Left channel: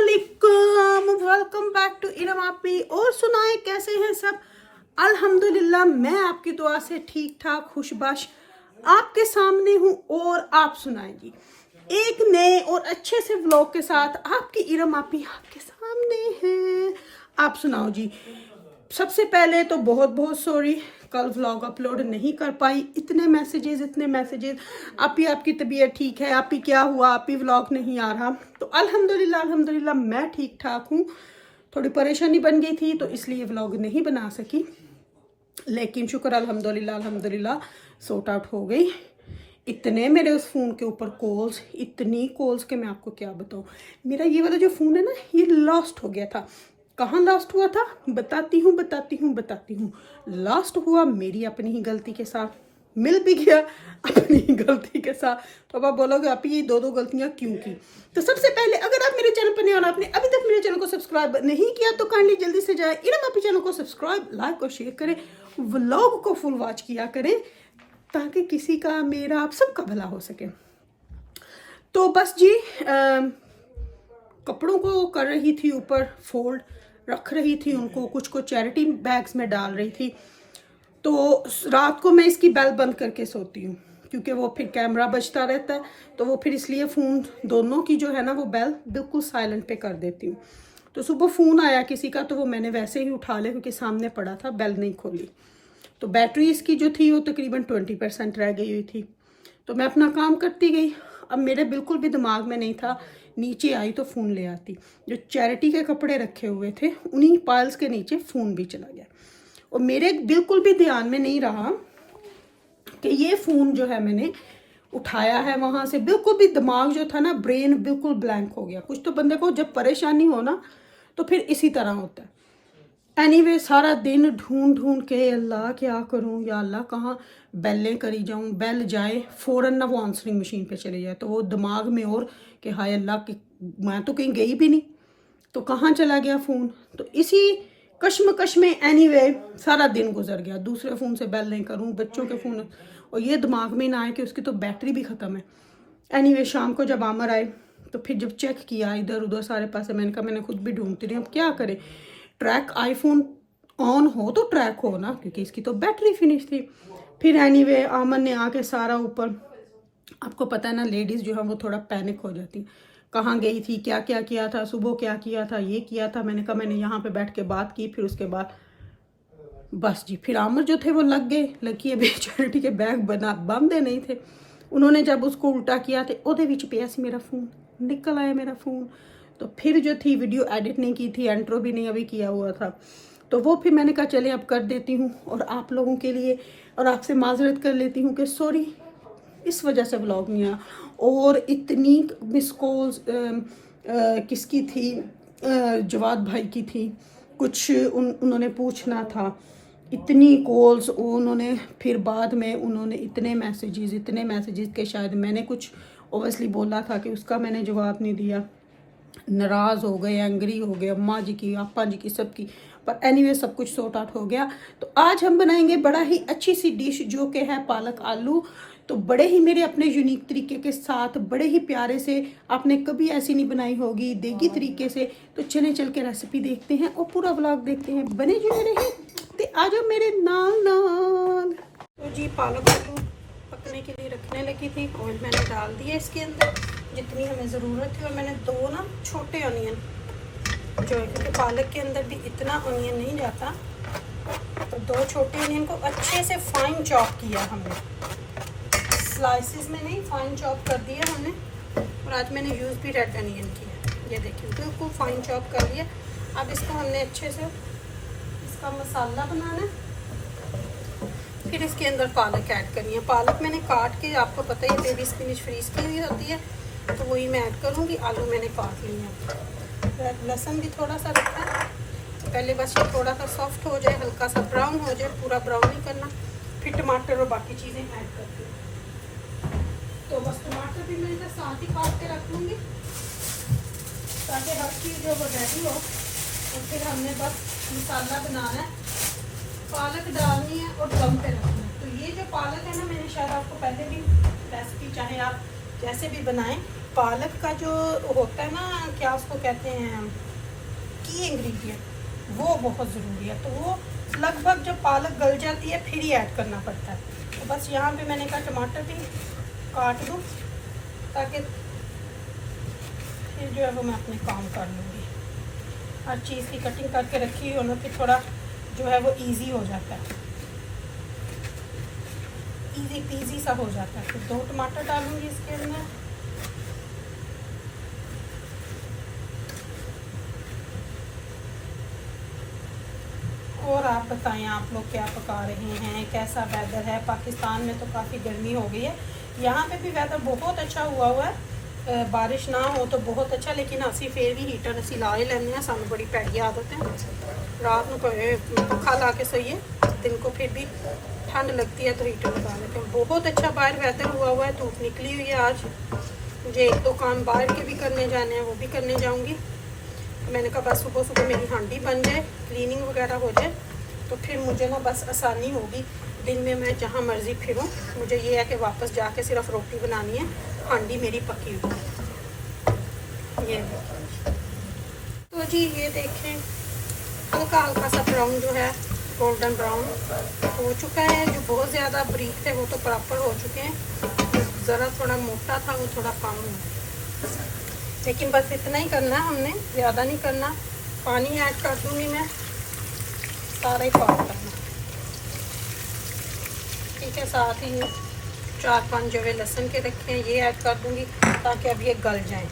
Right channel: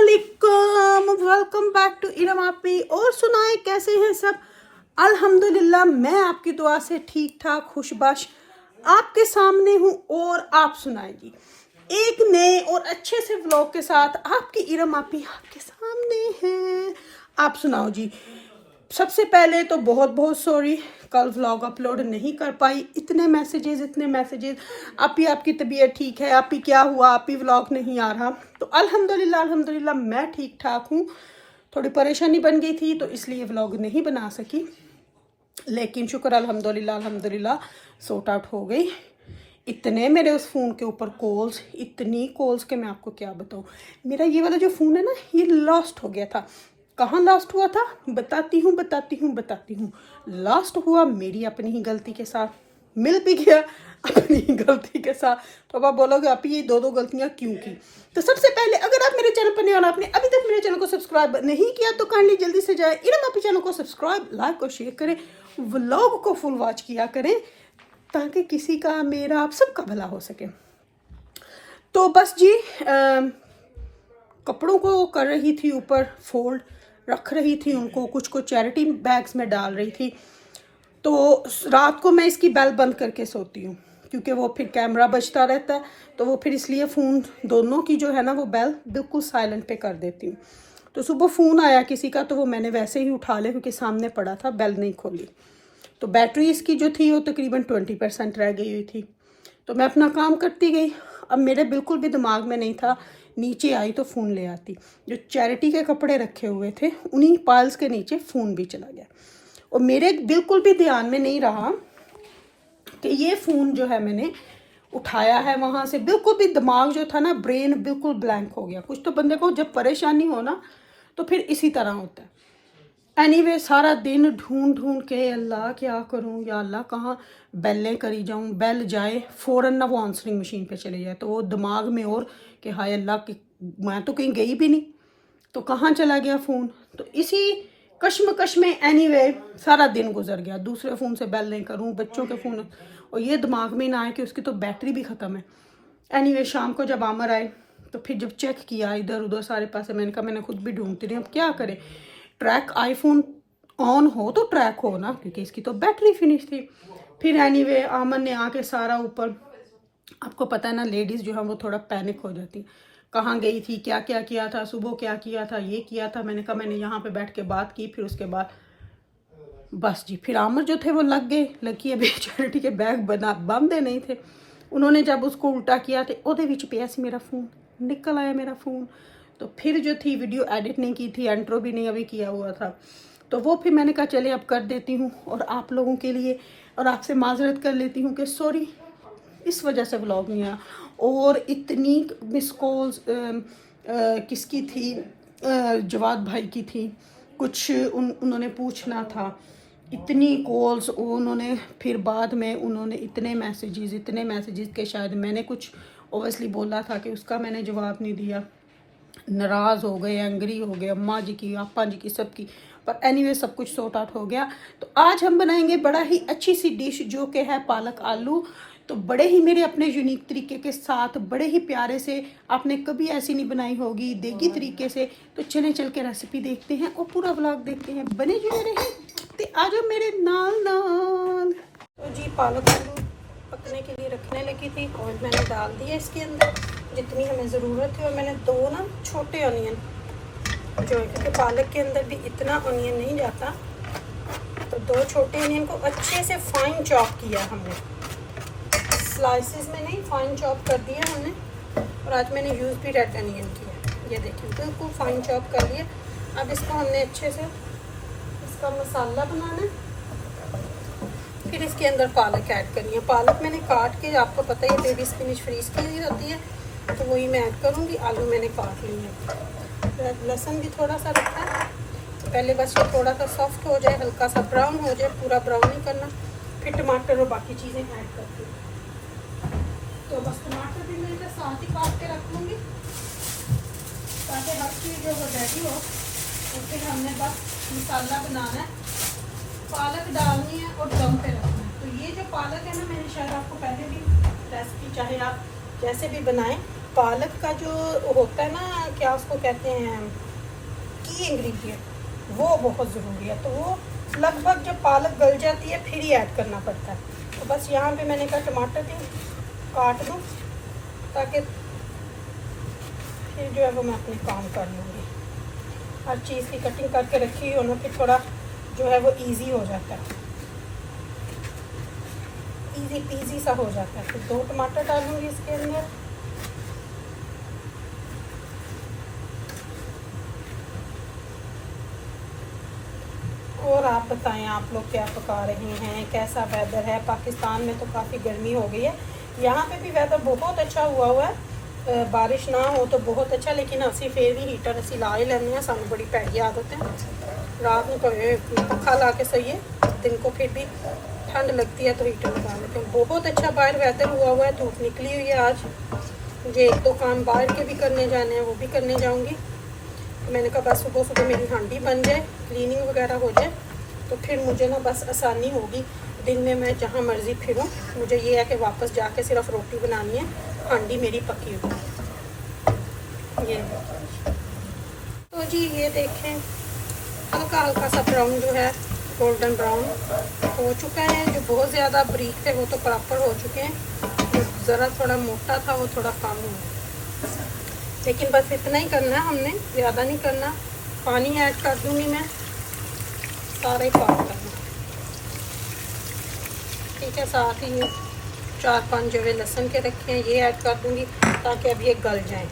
अस्सलामुअलैकुम, welcome back to Iram आपी। और सुनाए कैसे हैं सब? अल्हम्दुलिल्लाह, मैं आपकी दुआ से ठीक ठाक खुशबाश आपके सामने हूँ। और आप सुनाए जी, एक नए और अच्छे से व्लॉग के साथ आपकी इरम आपी आपके सामने है। आप सुनाओ जी। सबसे पहले तो बहुत बहुत सॉरी, कल व्लॉग अपलोड नहीं कर पाई। इतने मैसेजेस आपी आपकी तबीयत ठीक है, आपी क्या हुआ, आपी व्लॉग नहीं आ रहा। तो अल्हम्दुलिल्लाह मैं ठीक ठाक हूँ। थोड़ी परेशानी बन गई थी तो इसलिए व्लॉग नहीं बना सकी, लेकिन शुक्र अल्हम्दुलिल्लाह सॉर्ट आउट हो गई। इतने मेरे उस फ़ोन के ऊपर कॉल्स, इतनी कॉल्स के मैं आपको क्या बताऊँ। मेरा ये वाला जो फ़ोन है ना, ये लॉस्ट हो गया था। कहाँ लॉस्ट हुआ था बताती हूँ। लॉस्ट हुआ मेरी अपनी ही गलती के साथ, मिल भी गया अपनी ही गलती के साथ। तो अब आप बोलोगे आप ये दो गलतियाँ क्यों की? तो सबसे पहले, अगर आप मेरे चैनल पर नहीं और आपने अभी तक मेरे चैनल को सब्सक्राइब नहीं किया तो काइंडली जल्दी से जाए इरम आपी चैनल को सब्सक्राइब, लाइक और शेयर करें, व्लॉग को फुल वॉच किया करें ताकि किसी का मेरा आप सबका भला हो सके। तो बस जी, कपड़ों को कर रही थी ऊपर फोल्ड, रख रही थी उनको, कुछ को चैरिटी बैग्स में डाल रही थी। तो रात को मैं इसकी बेल बंद करके सोती हूँ क्योंकि वो फिर कैमरा बजता रहता है, तो वो फिर इसलिए फ़ोन दोनों की जो है ना वो बेल बिल्कुल साइलेंट पे कर देती हूँ। तो सुबह फ़ोन आया किसी का तो वो मैंने वैसे ही उठा लिया क्योंकि सामने पड़ा था, बेल नहीं खोली। तो बैटरी इसकी जो थी वो तकरीबन 20% रह गई हुई थी। तो मैं अपना काम करती गई। अब मेरे बिल्कुल भी दिमाग में नहीं था, नीचे आई तो फ़ोन ले आती। जो चैरिटी के कपड़े रखे हुए थे उन्हीं पाइल्स के नीचे फ़ोन भी चला गया और मेरे बिल्कुल भी ध्यान में नहीं रहा कि ये फ़ोन जो है मैंने उठाया है वहाँ से। बिल्कुल भी दिमाग जो था ना, ब्रेन बिल्कुल ब्लैंक हो गया। कुछ तो बंदे को जब परेशानी हो ना तो फिर इसी तरह होता है। एनीवे, सारा दिन ढूंढ के अल्लाह क्या करूं या अल्लाह कहाँ बेलें करी जाऊं, बेल जाए फ़ौरन ना वो आंसरिंग मशीन पे चले जाए तो वो दिमाग में और कि हाय अल्लाह कि मैं तो कहीं गई भी नहीं, तो कहाँ चला गया फ़ोन। तो इसी कश्मकश में एनीवे सारा दिन गुजर गया। दूसरे फ़ोन से बेल नहीं करूं, बच्चों के फ़ोन, और ये दिमाग में ना आए कि उसकी तो बैटरी भी ख़त्म है। एनीवे, शाम को जब आमर आए तो फिर जब चेक किया इधर उधर सारे पास, मैंने कहा मैंने खुद भी ढूंढती रही, अब क्या करें। ट्रैक आईफोन ऑन हो तो ट्रैक हो ना, क्योंकि इसकी तो बैटरी फिनिश थी। फिर एनीवे आमन ने आके सारा ऊपर, आपको पता है ना लेडीज़ जो है वो थोड़ा पैनिक हो जाती, कहाँ गई थी, क्या क्या किया था, सुबह क्या किया था, ये किया था। मैंने कहा मैंने यहाँ पे बैठ के बात की। फिर उसके बाद बस जी, फिर आमर जो थे वो लग गए, लगी अभी चैरिटी के बैग बांधे नहीं थे। उन्होंने जब उसको उल्टा किया तो ओदे विच पिया सी मेरा फ़ोन, निकल आया मेरा फ़ोन। तो फिर जो थी वीडियो एडिट नहीं की थी, इंट्रो भी नहीं अभी किया हुआ था, तो वो फिर मैंने कहा चले अब कर देती हूँ और आप लोगों के लिए और आपसे माजरत कर लेती हूँ कि सॉरी इस वजह से व्लॉग नहीं आया। और इतनी मिस कॉल्स किसकी थी, जवाद भाई की थी, कुछ उन्होंने पूछना था, इतनी कॉल्स उन्होंने, फिर बाद में उन्होंने इतने मैसेजेस के शायद मैंने कुछ ओवसली बोला था कि उसका मैंने जवाब नहीं दिया। नाराज़ हो गए, एंग्री हो गए, अम्मा जी की, आपा जी की, सबकी। पर एनीवे सब कुछ सॉर्ट आउट हो गया। तो आज हम बनाएंगे बड़ा ही अच्छी सी डिश जो कि है पालक आलू। तो बड़े ही मेरे अपने यूनिक तरीके के साथ, बड़े ही प्यारे से, आपने कभी ऐसी नहीं बनाई होगी देगी तरीके से। तो चल के रेसिपी देखते हैं और पूरा व्लॉग देखते हैं, बने जुड़े रहें तो आ जाओ मेरे नाल। तो जी पालक आलू पकने के लिए रखने लगी थी, ऑयल मैंने डाल दिया इसके अंदर जितनी हमें ज़रूरत है। और मैंने 2 ना छोटे ऑनियन जो है, क्योंकि पालक के अंदर भी इतना ऑनियन नहीं जाता, तो 2 छोटे ऑनियन को अच्छे से फाइन चॉप किया हमने, स्लाइसेस में नहीं, फाइन चॉप कर दिया हमने। और आज मैंने यूज़ भी रेड ऑनियन किया, ये देखिए बिल्कुल फाइन चॉप कर लिया। अब इसको हमने अच्छे से इसका मसाला बनाना है, फिर इसके अंदर पालक ऐड करनी है। पालक मैंने काट के, आपको पता ही बेबी स्पिनिच फ्रीज की हुई होती है, तो वही मैं ऐड करूँगी। आलू मैंने काट लिए हैं, लहसुन भी थोड़ा सा रखा है। पहले बस ये थोड़ा सा सॉफ्ट हो जाए, हल्का सा ब्राउन हो जाए, पूरा ब्राउन नहीं करना। फिर टमाटर और बाकी चीज़ें ऐड करती हूँ। तो बस टमाटर भी मैं साथ ही काट के रख लूँगी ताकि हर चीज़ जो वो रेडी हो। और फिर हमने बस मसाला बनाना है, पालक डालनी है और दम पे रखना है। तो ये जो पालक है ना, मैंने शायद आपको पहले भी रेसिपी, चाहे आप जैसे भी बनाएं, पालक का जो होता है ना, क्या उसको कहते हैं, की इंग्रेडिएंट, वो बहुत ज़रूरी है। तो वो लगभग जब पालक गल जाती है फिर ही ऐड करना पड़ता है। तो बस यहाँ पे मैंने कहा टमाटर भी काट दूँ ताकि फिर जो है वो मैं अपने काम कर लूँगी। हर चीज़ की कटिंग करके रखी हुई हो ना, फिर थोड़ा जो है वो इजी हो जाता है, इजी पीजी सा हो जाता है। फिर 2 टमाटर डालूँगी इसके अंदर। और आप बताएं, आप लोग क्या पका रहे हैं, कैसा वेदर है? पाकिस्तान में तो काफ़ी गर्मी हो गई है, यहाँ पे भी वेदर बहुत अच्छा हुआ है। बारिश ना हो तो बहुत अच्छा, लेकिन असी फिर भी हीटर असी ला ही लेने हैं। सानू बड़ी पैड़ी आदत है रात को पखा ला के सोइए, दिन को फिर भी ठंड लगती है तो हीटर लगा लेते हैं। बहुत अच्छा बाहर वेदर हुआ है, धूप निकली हुई है आज। मुझे 1-2 काम बाहर के भी करने जाने हैं, वो भी करने जाऊँगी। मैंने कहा बस सुबह सुबह मेरी हांडी बन जाए, क्लीनिंग वगैरह हो जाए, तो फिर मुझे ना बस आसानी होगी। दिन में मैं जहाँ मर्ज़ी फिरूँ, मुझे ये है कि वापस जाके सिर्फ रोटी बनानी है, हांडी मेरी पकी हुई। ये तो जी ये देखें, हल्का हल्का सा ब्राउन जो है, गोल्डन ब्राउन हो चुका है। जो बहुत ज़्यादा बारीक थे वो तो प्रॉपर हो चुके हैं, जो ज़रा थोड़ा मोटा था वो थोड़ा कम हुआ। लेकिन बस इतना ही करना है हमने, ज़्यादा नहीं करना। पानी ऐड कर दूँगी मैं, सारा ही पाक करना, ठीक है। साथ ही 4-5 जवे लहसुन के रखे हैं, ये ऐड कर दूँगी ताकि अब ये गल जाएं,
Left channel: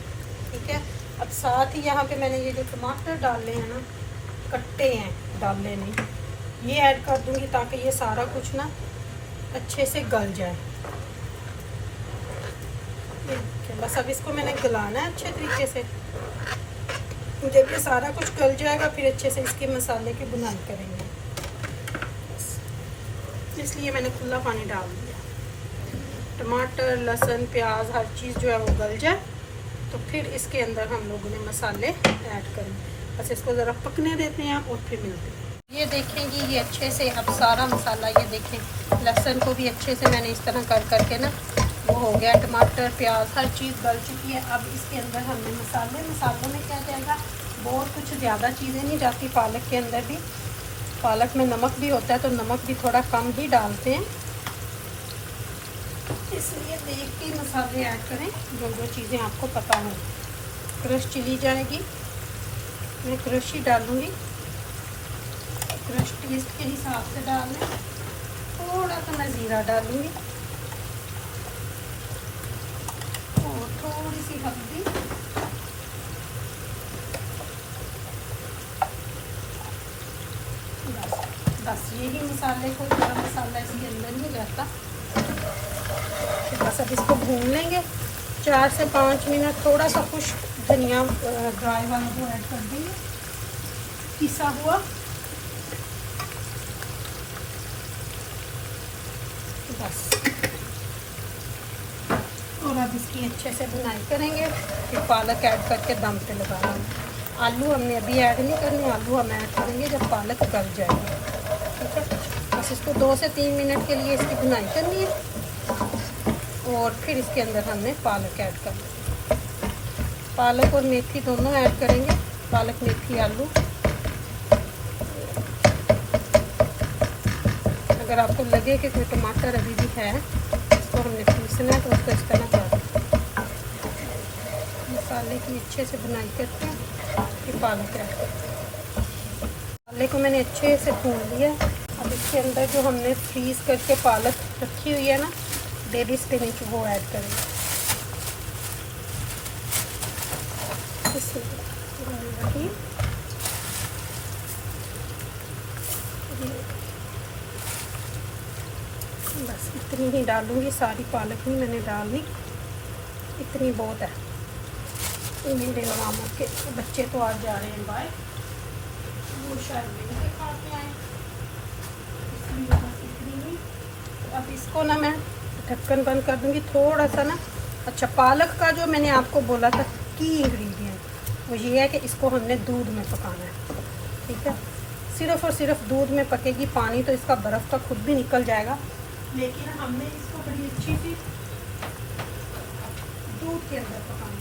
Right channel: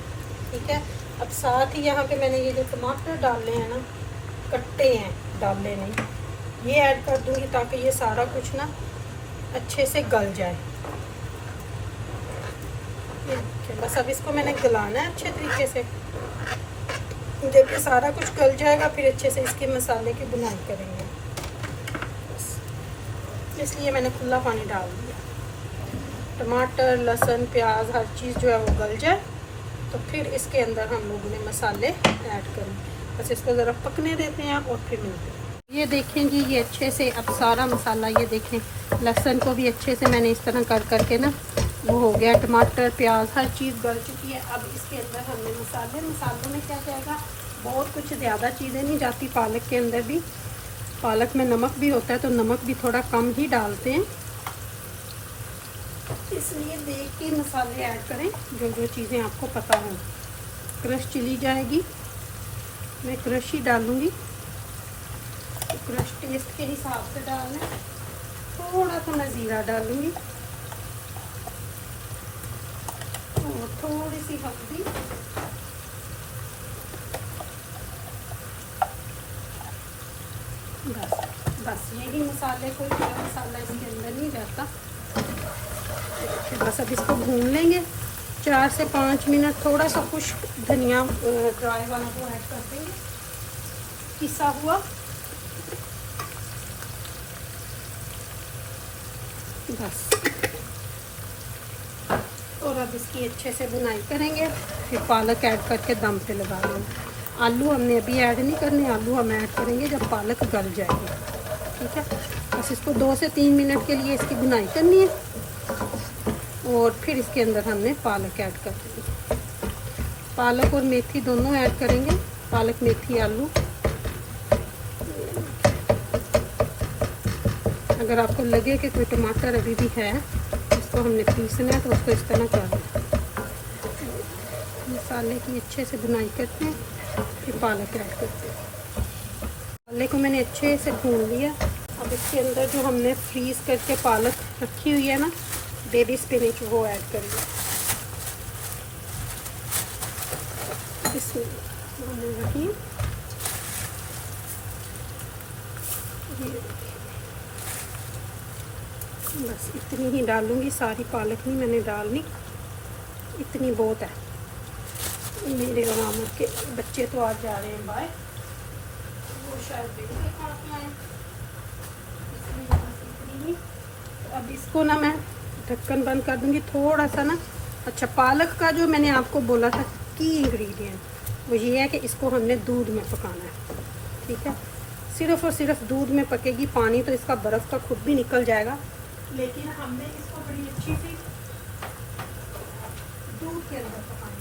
ठीक है। अब साथ ही यहाँ पे मैंने ये जो टमाटर डाले हैं ना, कट्टे हैं, डाले नहीं, ये ऐड कर दूँगी ताकि ये सारा कुछ ना अच्छे से गल जाए। बस अब इसको मैंने गलाना है अच्छे तरीके से। जब ये सारा कुछ गल जाएगा फिर अच्छे से इसके मसाले की बुनाई करेंगे, इसलिए मैंने खुला पानी डाल दिया। टमाटर, लहसुन, प्याज, हर चीज़ जो है वो गल जाए तो फिर इसके अंदर हम लोगों ने मसाले ऐड करेंगे। बस इसको ज़रा पकने देते हैं और फिर मिलते हैं। ये देखेंगे ये अच्छे से अब सारा मसाला, ये देखें लहसुन को भी अच्छे से मैंने इस तरह कर करके ना वो हो गया। टमाटर, प्याज, हर चीज़ गल चुकी है। अब इसके अंदर हमने मसालों में क्या जाएगा, बहुत कुछ ज़्यादा चीज़ें नहीं जाती। पालक के अंदर भी, पालक में नमक भी होता है तो नमक भी थोड़ा कम ही डालते हैं, इसलिए देख के मसाले ऐड करें जो चीज़ें आपको पता हो। क्रश चिली जाएगी, मैं क्रश ही डालूँगी, क्रश टेस्ट के हिसाब से डालना। थोड़ा सा मैं ज़ीरा डालूँगी और थोड़ी सी हल्दी, बस यही मसाले, कोई गरम मसाला इसके अंदर नहीं जाता। बस अब इसको भून लेंगे 4 से 5 मिनट। थोड़ा सा कुछ धनिया ड्राई वाला को ऐड कर देंगे, पिसा हुआ। बस और अब इसकी अच्छे से बुनाई करेंगे, फिर पालक ऐड करके दम पे लगा देंगे। आलू हमने अभी ऐड नहीं करने, आलू हम ऐड करेंगे जब पालक गल जाएगी, ठीक है। बस इसको 2 से 3 मिनट के लिए इसकी बुनाई करनी है और फिर इसके अंदर हमने पालक ऐड कर देंगे। पालक और मेथी दोनों ऐड करेंगे, पालक, मेथी, आलू। अगर आपको लगे कि कोई टमाटर अभी भी है, इसको हमने पीसना है तो उसको इस तरह कर मसाले की अच्छे से बुनाई करते हैं, फिर पालक ऐड करते हैं। पालक को मैंने अच्छे से भून लिया। अब इसके अंदर जो हमने फ्रीज़ करके पालक रखी हुई है ना, बेबी स्पिनच, वो ऐड करेंगे। बस इतनी ही डालूंगी, सारी पालक नहीं मैंने डालनी, इतनी बहुत है। मेरे मामा के बच्चे तो आज जा रहे हैं बाहर, वो शायद नहीं खाते हैं, इसलिए बस इतनी ही। अब इसको ना मैं ढक्कन बंद कर दूँगी थोड़ा सा ना। अच्छा, पालक का जो मैंने आपको बोला था की इंग्रेडिएंट वो ये है कि इसको हमने दूध में पकाना है, ठीक है। सिर्फ़ और सिर्फ दूध में पकेगी, पानी तो इसका बर्फ़ का खुद भी निकल जाएगा, लेकिन हमने इसको बड़ी अच्छी सी दूध के अंदर पकाना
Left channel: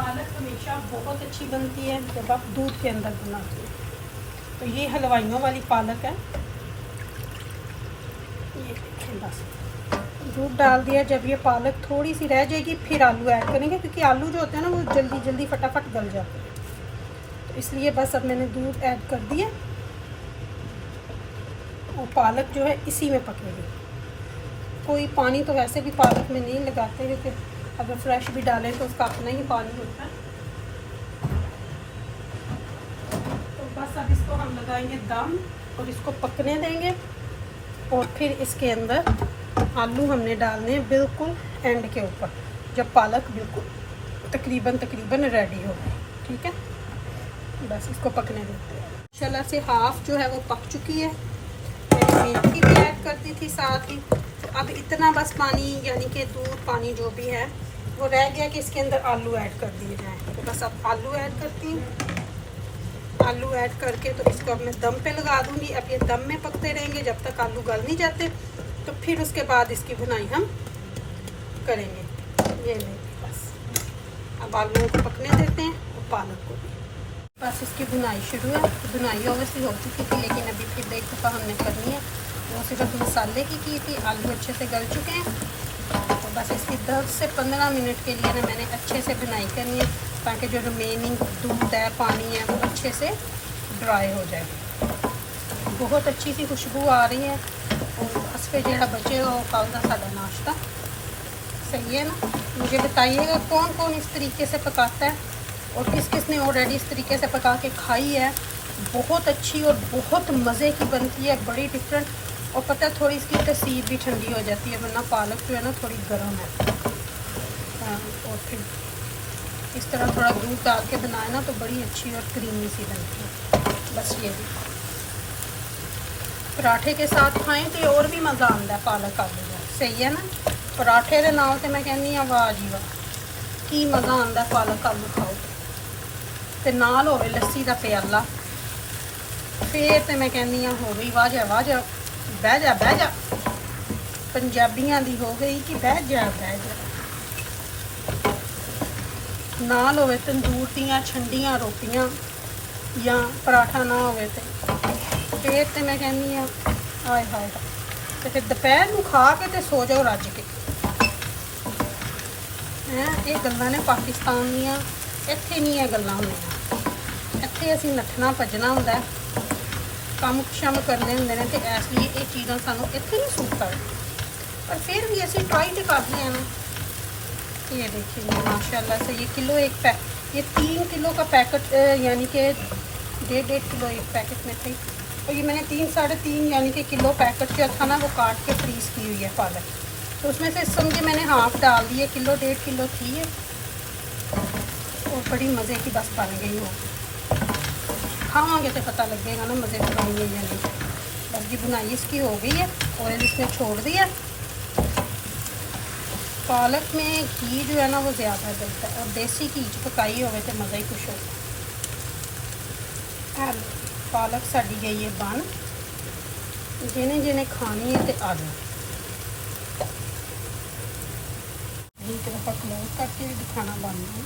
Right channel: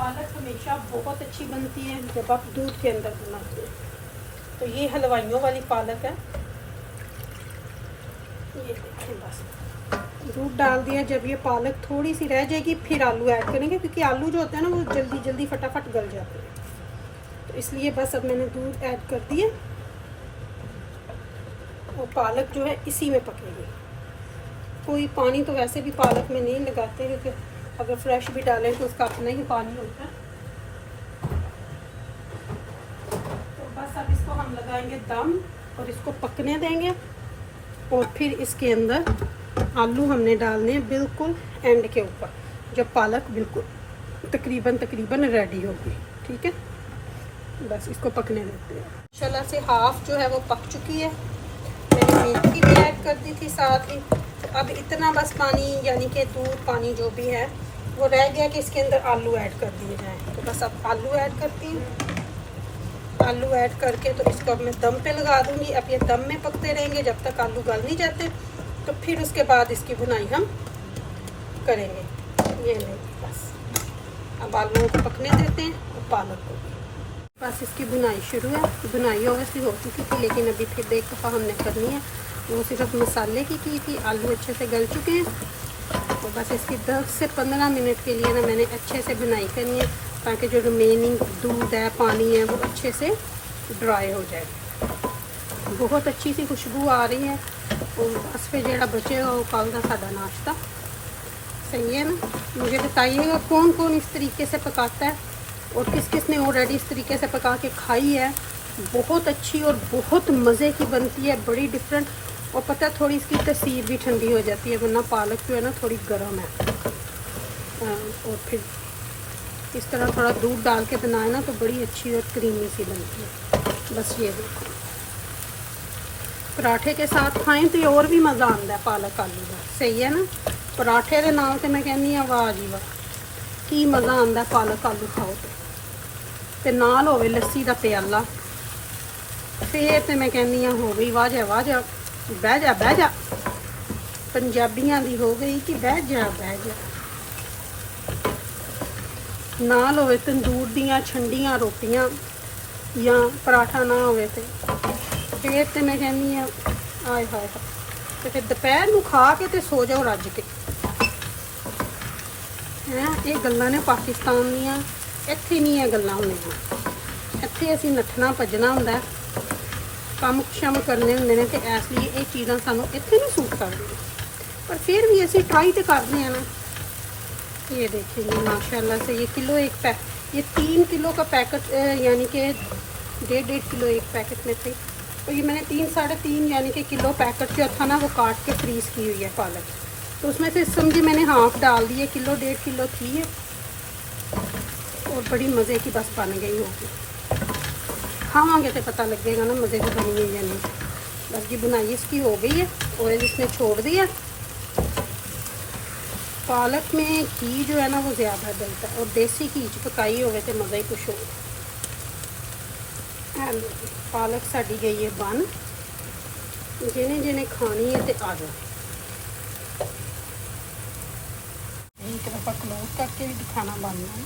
पालक हमेशा बहुत अच्छी बनती है जब आप दूध के अंदर बनाते हैं। तो ये हलवाइयों वाली पालक है। ये देखिए, बस दूध डाल दिया। जब ये पालक थोड़ी सी रह जाएगी फिर आलू ऐड करेंगे, क्योंकि आलू जो होते हैं ना वो जल्दी जल्दी फटाफट गल जाते हैं, तो इसलिए बस अब मैंने दूध ऐड कर दिया और पालक जो है इसी में पकेगी। कोई पानी तो वैसे भी पालक में नहीं लगाते, क्योंकि अगर फ्रेश भी डालें तो उसका अपना ही पानी होता है। तो बस अब इसको हम लगाएंगे दम और इसको पकने देंगे, और फिर इसके अंदर आलू हमने डालने हैं बिल्कुल एंड के ऊपर, जब पालक बिल्कुल तकरीबन रेडी होगी। ठीक है, बस इसको पकने देते हैं। माशाल्लाह से हाफ जो है वो पक चुकी है। मैंने मेथी भी ऐड कर दी थी साथ ही। अब इतना बस पानी, यानी कि दूध पानी जो भी है वो रह गया कि इसके अंदर आलू ऐड कर दिए जाएँ। तो बस अब आलू ऐड करती हूँ। आलू ऐड करके तो इसको अब मैं दम पे लगा दूँगी। अब ये दम में पकते रहेंगे जब तक आलू गल नहीं जाते, तो फिर उसके बाद इसकी भुनाई हम करेंगे। ये नहीं, बस अब आलूओं को पकने देते हैं और पालक को। बस इसकी बुनाई शुरू है। बुनाई ओवैसी हो चुकी थी, लेकिन अभी फिर देख दफ़ा हमने करनी है। वो सिर्फ मसाले की थी। आलू अच्छे से गल चुके हैं। तो बस इसकी 10 से 15 मिनट के लिए ना मैंने अच्छे से बुनाई करनी है, ताकि जो रिमेनिंग दूध है, पानी है, वो अच्छे से ड्राई हो जाए। बहुत अच्छी सी खुशबू आ रही है। और उस पर जो बचेगा वो कल का सादा नाश्ता। सही है ना? मुझे बताइएगा कौन कौन इस तरीके से पकाता है और किस किस ने ऑलरेडी इस तरीके से पका के खाई है। बहुत अच्छी और बहुत मज़े की बनती है, बड़ी डिफरेंट। और पता है, थोड़ी इसकी तसीर भी ठंडी हो जाती है, वरना पालक जो है ना थोड़ी गर्म है। हाँ, और फिर इस तरह थोड़ा दूध डाल के बनाए ना तो बड़ी अच्छी और क्रीमी सी बनती है। बस ये पराठे के साथ खाएं तो और भी मज़ा आता है पालक आलू का। सही है ना? पराठे के नाम से मैं कहनी हाँ, वाह जी वाह, की मज़ा आता पालक आलू खाओ ते नाल होवे लस्सी का प्याला, फिर तो मैं कहनी हाँ हो गई वाह जा बह जा पंजाबियां दी हो गई कि बह जा। नाल होवे तंदूर दियां ठंडियां रोटियां या पराठा ना होवे ते फिर तो मैं कहनी हाँ हाय हाय, तो दोपहर में खा के तो सो जाओ रज के। ये गल्लां ने पाकिस्तान दियां, इत्थे नहीं ये गल्लां होंदियां। इत्थे असीं नੱਠਣਾ ਭੱਜਣਾ ਹੁੰਦਾ, काम शम करने होंगे ने, तो इसलिए ये चीज़ां सानू इत्थे नहीं सूट करदियां, पर फिर भी असीं ट्राई तो करते हैं ना। ये देखिए, ये माशाल्लाह से ये किलो ये 3 किलो का पैकेट, यानी कि 1.5 किलो एक पैकेट में थे। तो ये मैंने 3-3.5 यानी कि किलो पैकेट जो था ना वो काट के फ्रीज़ की हुई है पालक। तो उसमें से समझे मैंने हाफ डाल दिए, किलो 1.5 किलो थी है और बड़ी मज़े की बस बन गई होगी। खावांगे तो पता लगेगा ना मज़े की बन गई या नहीं। बस की बुनाई इसकी हो गई है, ऑयल इस पर छोड़ दिया। पालक में घी जो है ना वो ज़्यादा डलता है, और देसी घी पकाई होवे तो मज़ा ही कुछ हो। पालक साड़ी गई है बन, जिन्हें जिन्हें खानी है तो आ जाए। एक दफ़ा क्लोज करके भी दिखाना बनना है।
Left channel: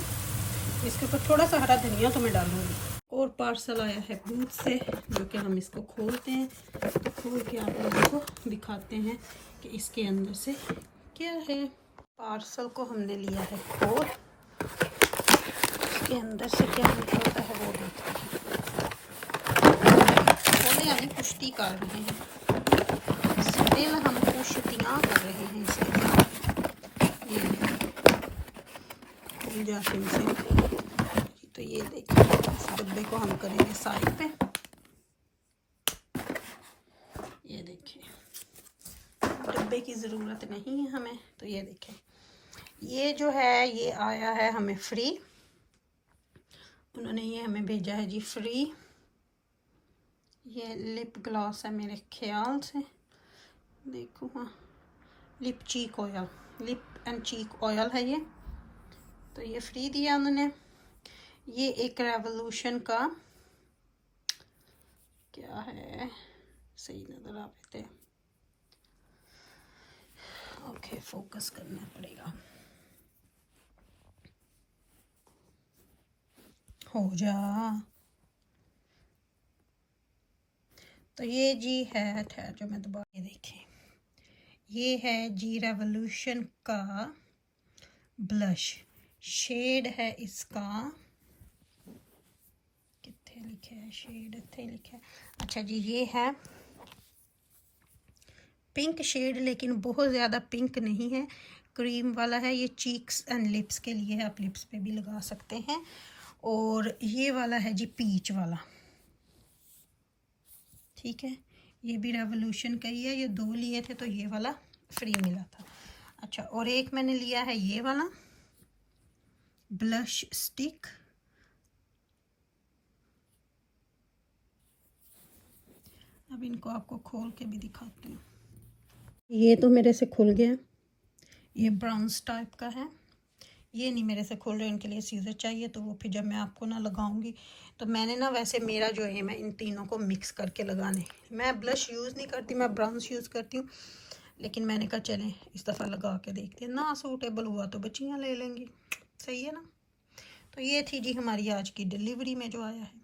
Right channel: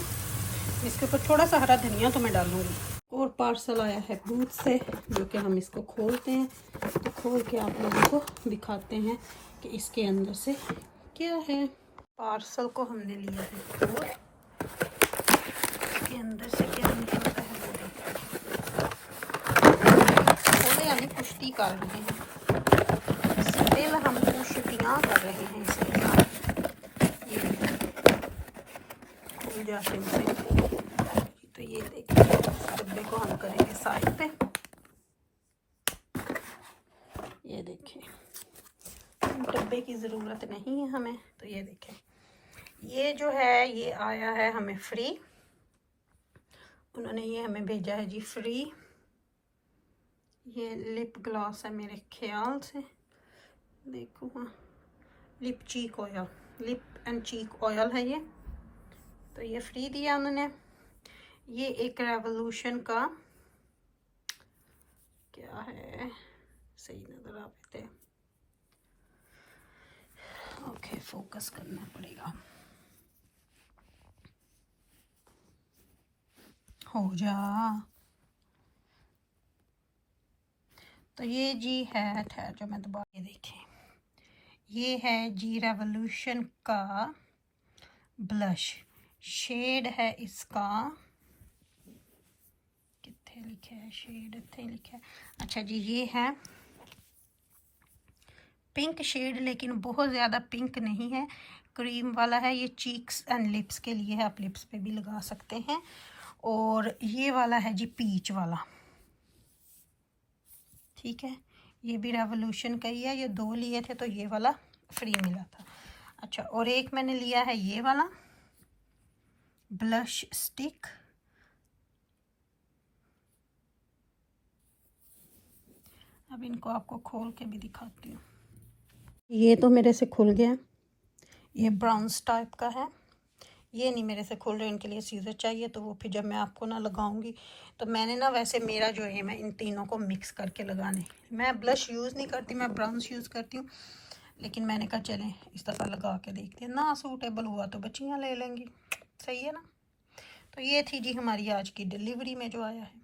इसके ऊपर थोड़ा सा हरा धनिया तो मैं डालूंगी। और पार्सल आया है बूथ से, जो कि हम इसको खोलते हैं। तो खोल के आप लोगों को दिखाते हैं कि इसके अंदर से क्या है। पार्सल को हमने लिया है खोल, इसके अंदर से क्या निकलता है खोले, यानी पुष्टि कर रहे हैं। स्टिल हम पुष्टियाँ कर रहे हैं इसके साथ। ये खुल जाते हैं। तो ये देखिए, डब्बे को हम करेंगे साइड पे। ये देखिए, डब्बे की ज़रूरत नहीं है हमें। तो ये देखें, ये जो है ये आया है हमें फ्री। उन्होंने ये हमें भेजा है जी फ्री। ये लिप ग्लॉस है मेरे ख्याल से, देखो हाँ, lip cheek oil, lip and cheek oil है ये। तो ये फ्री दिया उन्होंने। ये एक रेवोल्यूशन का क्या है, सही नज़र आ पाते हैं। ओके, फोकस करना पड़ेगा। हो जा। तो ये जी है, ठहर जो मैं दोबारा, देखें ये है जी रेवोल्यूशन का ब्लश। शेड है इसका, कितने लिखे है शेड, इतने लिखे है। अच्छा जी, ये है पिंक शेड, लेकिन बहुत ज़्यादा पिंक नहीं है, क्रीम वाला है। ये चीक्स एंड लिप्स के लिए है, आप लिप्स पे भी लगा सकते हैं। और ये वाला है जी पीच वाला, ठीक है, ये भी रेवोल्यूशन का ही है। ये 2 लिए थे तो ये वाला फ्री मिला था। अच्छा, और एक मैंने लिया है ये वाला ब्लश स्टिक। अब इनको आपको खोल के भी दिखाती हूँ। ये तो मेरे से खुल गया, ये ब्राउन्स टाइप का है। ये नहीं मेरे से खुल रहे, इनके लिए सीजर चाहिए, तो वो फिर जब मैं आपको ना लगाऊंगी तो मैंने ना, वैसे मेरा जो है, मैं इन तीनों को मिक्स करके लगाने, मैं ब्लश यूज़ नहीं करती, मैं ब्राउन्स यूज़ करती हूँ। लेकिन मैंने कहा चलें इस दफ़ा लगा के देखते हैं, ना सूटेबल हुआ तो बच्चियाँ ले लेंगी, सही है ना। तो ये थी जी हमारी आज की डिलीवरी में जो आया है।